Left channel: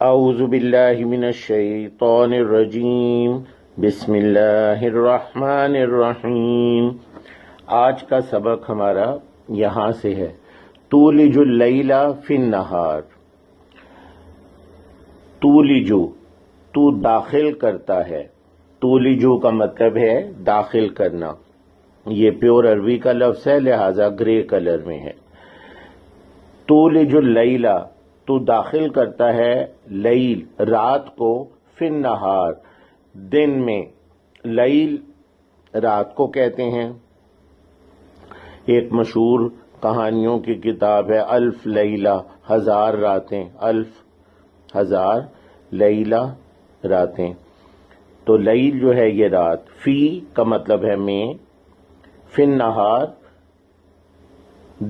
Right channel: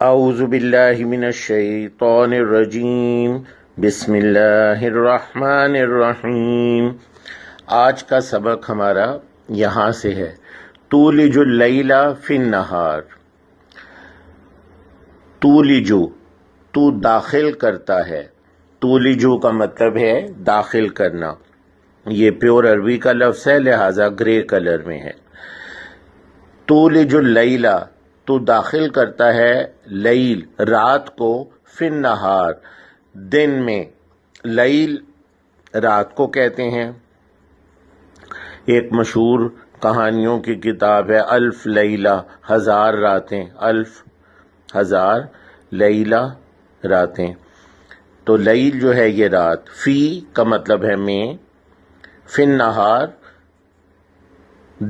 اعوذ باللہ من الشیطان الرجیم، بسم اللہ الرحمن الرحیم۔ آج کا سبق ہمارا یہاں سے ہے، تولج اللیل فی النہار۔ تولجو، تو داخل کرتا ہے، تولجو کا مطلب ہے داخل کرنا، یہ پیور عربی کا لفظ ہے لہذا گرے کلر میں ہے۔ تولج اللیل، تو داخل کرتا ہے لیل رات کو، فی النہار دن میں، لیل رات کو کہتے ہیں۔ ایک مشہور کہانیوں کی کتاب ہے الف لیلہ، ہزار راتیں، الف ہزار لیلہ راتیں۔ تو لیل جو ہے یہ رات، فی کا مطلب ہے میں، فی النہار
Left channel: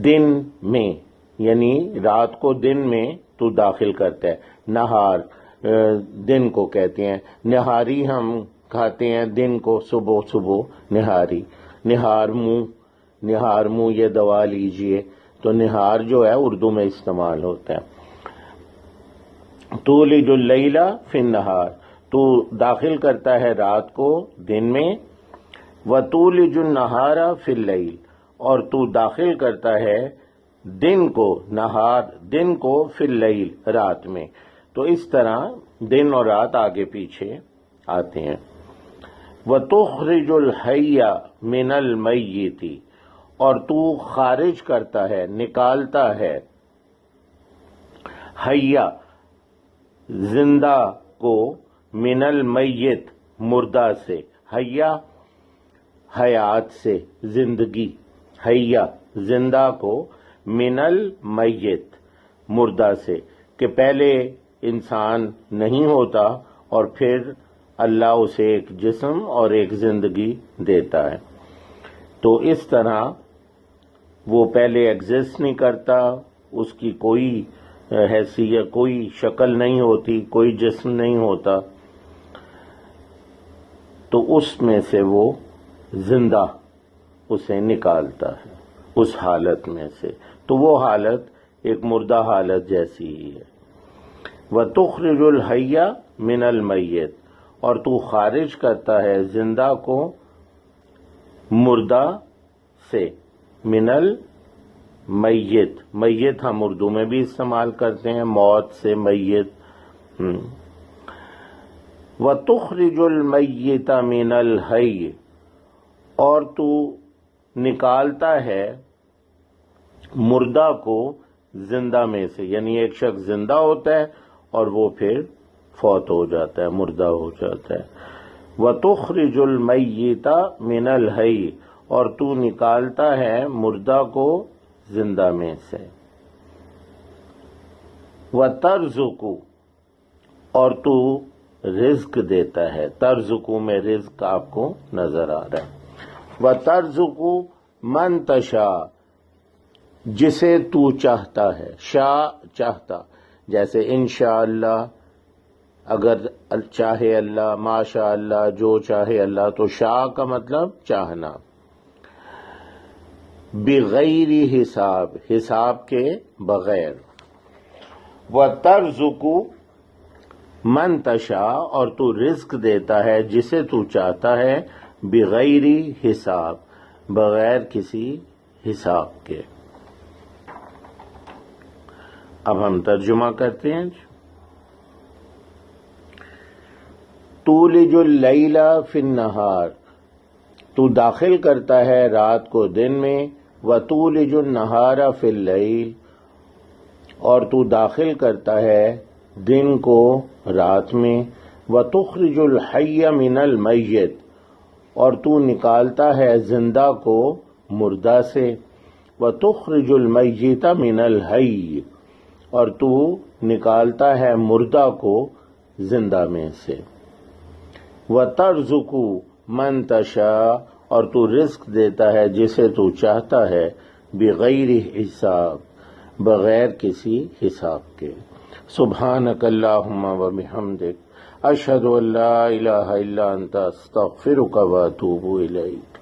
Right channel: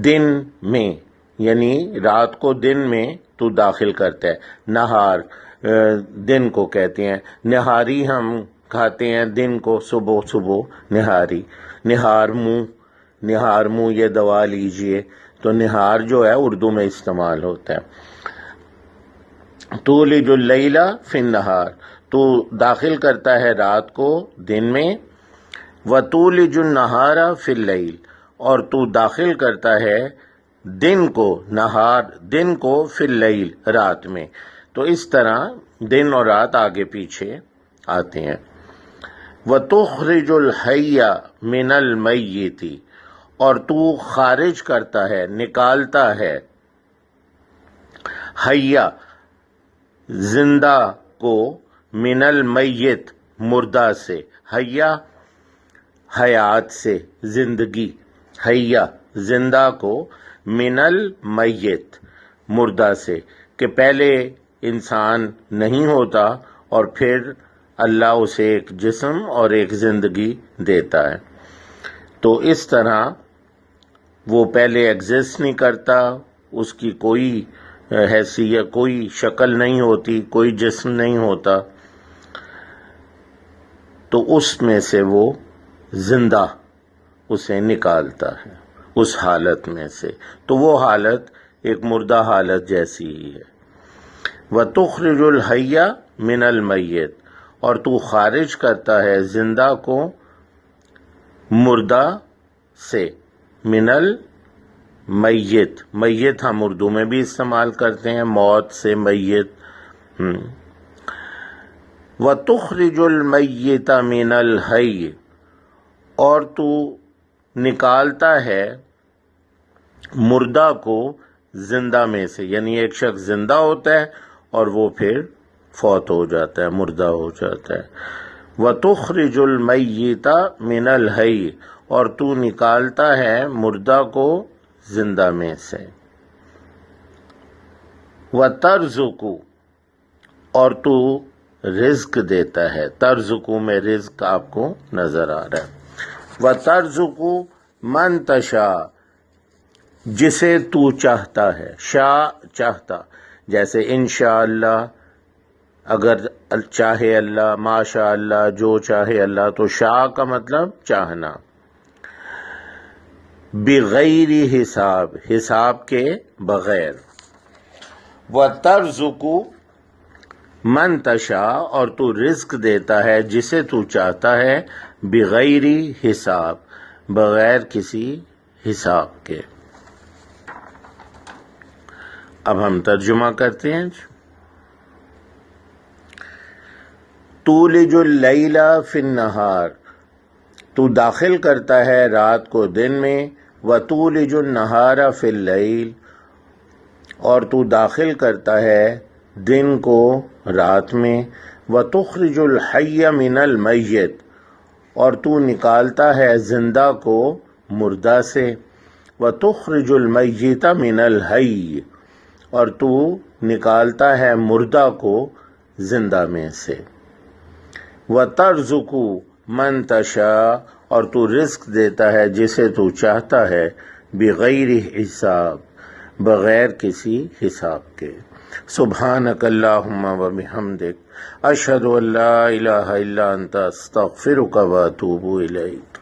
دن میں، یعنی رات کو دن میں تو داخل کرتا ہے۔ نہار دن کو کہتے ہیں، نہاری ہم کھاتے ہیں دن کو، صبح صبح نہاری، نہار منہ یہ دوا لیجئے، تو نہار جو ہے اردو میں استعمال ہوتا ہے۔ تولج اللیل فی النہار، تو داخل کرتا ہے رات کو دن میں، وتولج النہار فی اللیل، اور تو داخل کرتا ہے دن کو، نہار دن کو، فی اللیل رات میں۔ تو اس طرح دن اور رات آگے پیچھے آتے ہیں۔ وَتُخْرِجُ الْحَيَّ مِنَ الْمَيِّتِ، اور تو خارج کرتا ہے، نکالتا ہے، حیّ زندہ کو، من المیت مردہ سے، حیّ حیات سے، زندگی، حیّ زندہ کو، من المیت مردہ سے، کہ پہلے انسان نہیں ہوتا اور پھر اللہ اسے ایک جسم اور ایک زندگی دیتا ہے۔ تو اس طرح وہ پہلے ایگزسٹ نہیں کرتا، اس کی کوئی حیثیت، کوئی شکل نہیں ہوتی، کوئی جسم نہیں ہوتا، تو اس میں سے وہ زندہ اسے نکالتا ہے اس حالت میں سے، تو وہ حالت ایک مردہ حالت جیسی ہی ہے۔ وَتُخْرِجُ الْحَيَّ مِنَ الْمَيِّتِ، اور تو خارج کرتا ہے زندہ کو مردہ سے، من المیت، میت ہم اردو میں بھی استعمال کرتے ہیں، موت سے میت۔ وَتُخْرِجُ الْمَيِّتَ مِنَ الْحَيِّ، اور تو نکالتا ہے مردہ کو زندہ میں سے، یعنی ایک شخص زندہ ہوتا ہے اور وہ پھر فوت ہو جاتا ہے، مردہ ہو جاتا ہے۔ وَتُخْرِجُ الْمَيِّتَ مِنَ الْحَيِّ، اور تو نکالتا ہے مردہ کو زندہ میں سے۔ وَتَرْزُقُ، اور تو رزق دیتا ہے، ترزقو میں رزق آپ کو نظر آ رہا ہے۔ وَتَرْزُقُ مَن تَشَاءُ، جسے تو چاہتا ہے، شاء چاہتا، جیسے انشاءاللہ اگر چاہے اللہ، ماشاء اللہ جو چاہے اللہ، تو شاء کا مطلب چاہنا، بغیر حساب، حساب کے بغیر۔ وَتَرْزُقُ مَن تَشَاءُ، اور تو رزق دیتا ہے جسے تو چاہتا ہے، بغیر حساب، بغیر کسی حساب کے۔ اب ہم ترجمہ کرتے ہیں۔ تولج اللیل فی النہار، تو داخل کرتا ہے رات کو دن میں، وتولج النہار فی اللیل، اور تو داخل کرتا ہے دن کو رات میں، وتخرج الحی من المیت، اور تو نکالتا ہے زندہ کو مردہ سے، وتخرج المیت من الحی، اور تو نکالتا ہے مردہ کو زندہ میں سے۔ وَتَرْزُقُ مَن تَشَاءُ، اور تو رزق دیتا ہے جسے تو چاہتا ہے، بغیر حساب، بغیر کسی حساب کے۔ سبحانک اللہم و بحمدک، اشہد ان لا الہ الا انت، استغفرک و اتوب الیک۔